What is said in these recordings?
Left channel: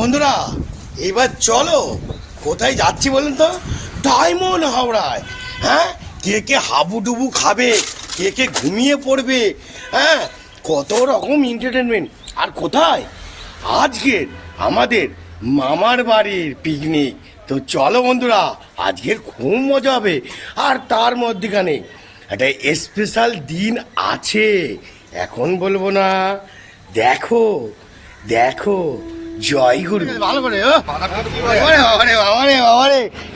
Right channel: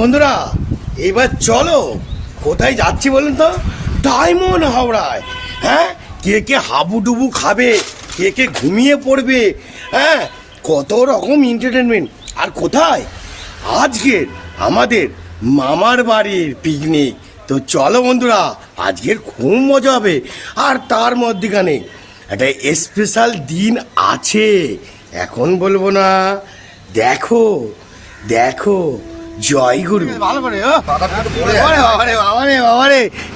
বন্ধুরা এবার চলো কোথায় যাচ্ছি বলুন তো? ডায়মন্ড হাওড়ায়। হ্যাঁ, কে কে হাবুডুবু খাবে, কে কে ঘুমিয়ে পড়বে, হ্যাঁ কত রকম এন্টারটেনমেন্ট। আর কোথায়? আজকের আমাদের মামার বাড়ির পিকনিক। তো চলো বন্ধুরা, আজকের খুব মজা হবে। আর তার মধ্যখানে একটা স্পেশাল দিন আছে, এখন বলবো না, দেখো দেখো। জয় গুরু। ভালো করে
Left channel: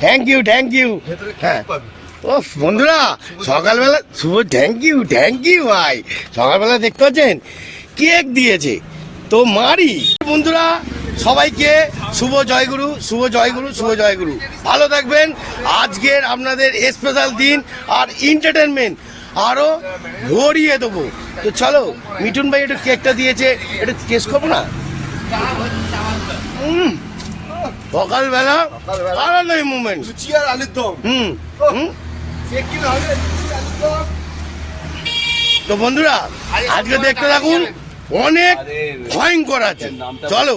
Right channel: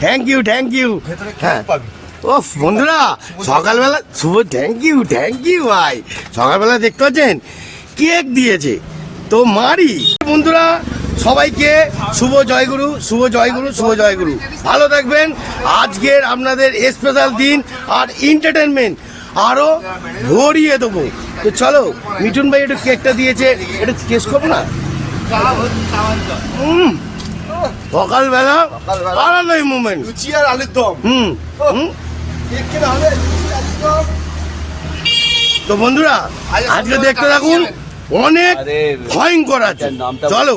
থ্যাংক ইউ থ্যাংক ইউ। হ্যাঁ ও বন্ধুরা, সকালবেলা শুভ থ্যাংক ইউ ভাই। সকালবেলা দেখতে পাচ্ছেন কেক দিয়েছে, তো মারি। বন্ধুরা সবাইকে শুভ জয়গুরু, শুভ জয়গুরু, শুভ জয়গুরু। ভালো থাকবেন। আজকের আপনাদের স্পেশাল দিন আর এন্টারটেনমেন্ট আরো ভরিয়ে দেবো। তো চলো, মিঠুন ভাই একটু কেকটা দিয়েছে, এটা টেস্ট করবো না? সকালবেলা আলাদাই মুভমেন্ট। তো বন্ধুরা আজকে দেখতে থাকুন, অনেক ভয়ঙ্কর আছে। চলো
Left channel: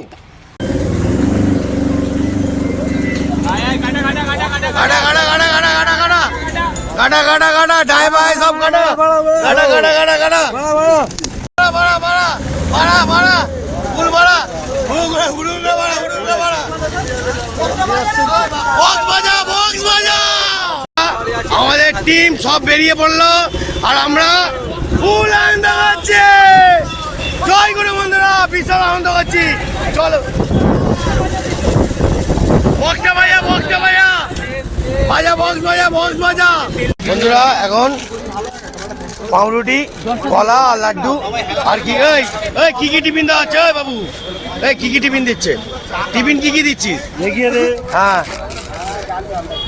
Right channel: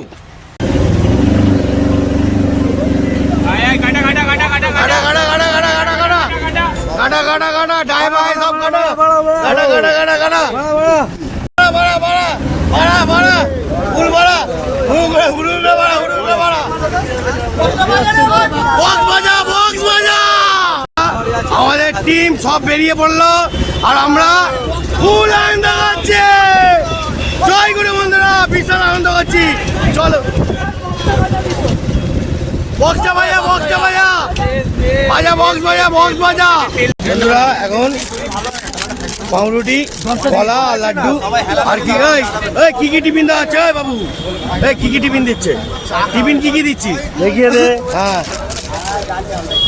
আমাদের টিম সব বেরিয়ে পড়লো আর আমরা ফুল আনন্দ করছি। জয় গুরু বন্ধুরা, বিশাল আনন্দ করছি। চলো বক্সটা ভাইয়া, বক্সটা ভাইয়া বাজা, বক্স বাজা, বক্স বাজা। বন্ধুরা এখন পাউরুটি, কলা আর লাড্ডু আর কি কি কি টিফিন দেওয়া হচ্ছে বাবু? কি কি টিফিন দিচ্ছে? টিফিন কি কি দিচ্ছিস? হ্যাঁ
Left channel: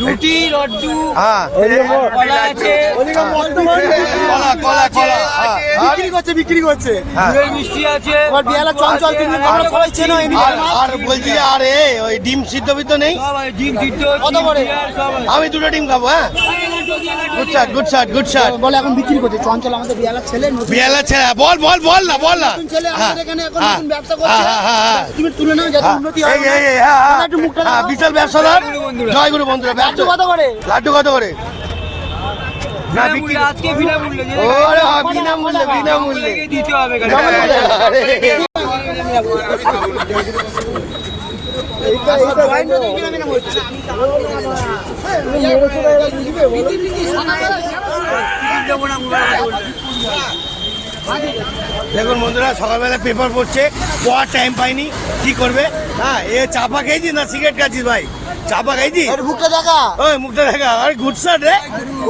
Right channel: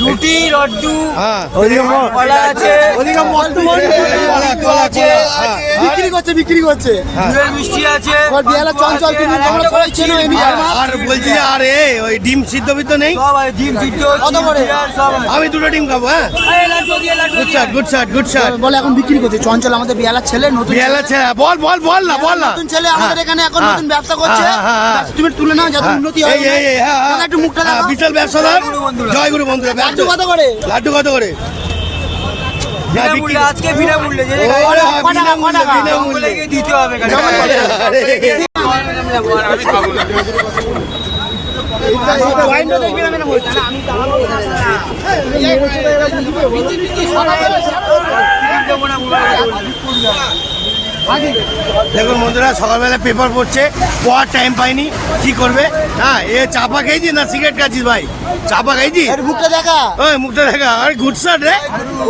রুটি, লাড্ডু, হ্যাঁ কলা আছে, বিক্রি করছে মিষ্টি আছে, আর বলছি আরে ওই ডিম সিদ্ধ বিদ্ধ নেই? সব আছে, ডিম সিদ্ধ, সব আছে। আমি দুটো ডিম খাবো। হ্যাঁ গুড শট। বলে এখন বিক্রি করছে চঞ্চল, আমাদের বিয়ালার ছেলে, নতুন বল না নতুন ছেলে আমাদের এখানে এখন নতুন ব্যবসা করছে। তুমি তুলে নাও, যাতে উন্নতি হয়। একটু মুখটা দেখাও। বিশাল ব্যবসাদার। জয় গুরু বন্ধুরা। লাড্ডু কত করে? লাড্ডু কত করে? বিনামূল্যে, আজকে বিনামূল্যে, যে জঙ্গলে গিয়ে দিতে হবে। দেখুন বন্ধুরা, সকালবেলা পেপার পড়ছে, পড়ার টাইম পাইনি, কি করবে? হ্যাঁ এ চাপা খেয়েছি না সিগারেট খাচ্ছিস ভাই? চাপা খাইছি? মুখটা দেখা। ওই মুখটা দেখা। আরে গুড শট রে।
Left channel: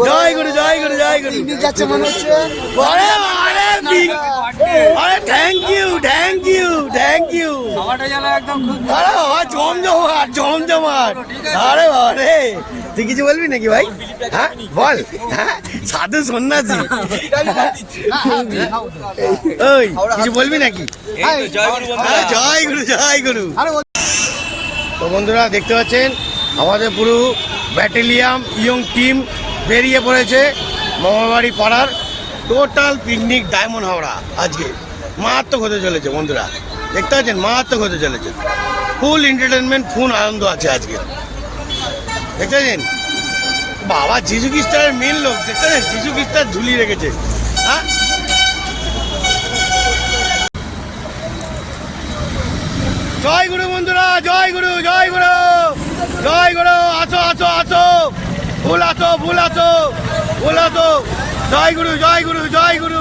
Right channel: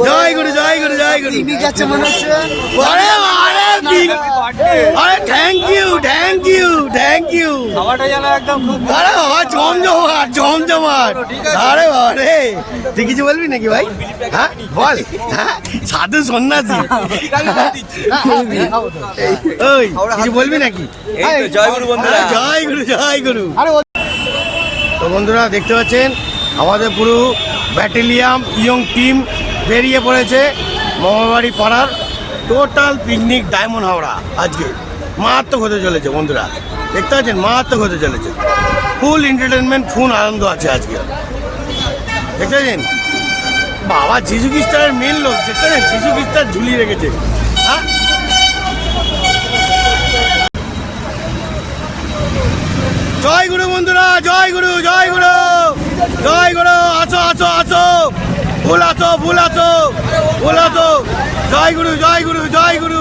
জয় গুরু, জয় গুরু, জয় গুরু। যাচ্ছে মনে হচ্ছে। আরে আরে থ্যাংক ইউ। খাওয়াটা যেন একদম খুব আরে জমজমাট। আরে বারে, তুই কিছু বলবি নাকি ভাই? হ্যাঁ বল। হ্যাঁ সাধু সন্ন্যাসী। ওই কিছু বলবি নাকি? জয় গুরু বন্ধুরা। জয় গুরু। তো বন্ধুরা দেখতে পাচ্ছেন আমাদের পুরো ব্যাটালিয়ান ইয়ং টিম বেরিয়ে পড়েছে মামাবাড়ি পাড়ার টোটাল পিকনিক ডায়মন্ড হাওড়া। আজকে মারাত্মক হতে চলেছে বন্ধুরা, দেখতে পাচ্ছেন মারাত্মক হতে চলেছে। ফুল এন্টারটেনমেন্ট, ফুল আনন্দ আছে আজকে। দেখতে পাচ্ছেন বাবা যিশু খ্রিস্টানের মেন লোক, দেখতে পাচ্ছেন যিশু খ্রিস্টান ঝুলিয়ে রেখেছে। হ্যাঁ জয় গুরু বন্ধুরা, জয় গুরু। আসো। ভুল আছো। জয় গুরু।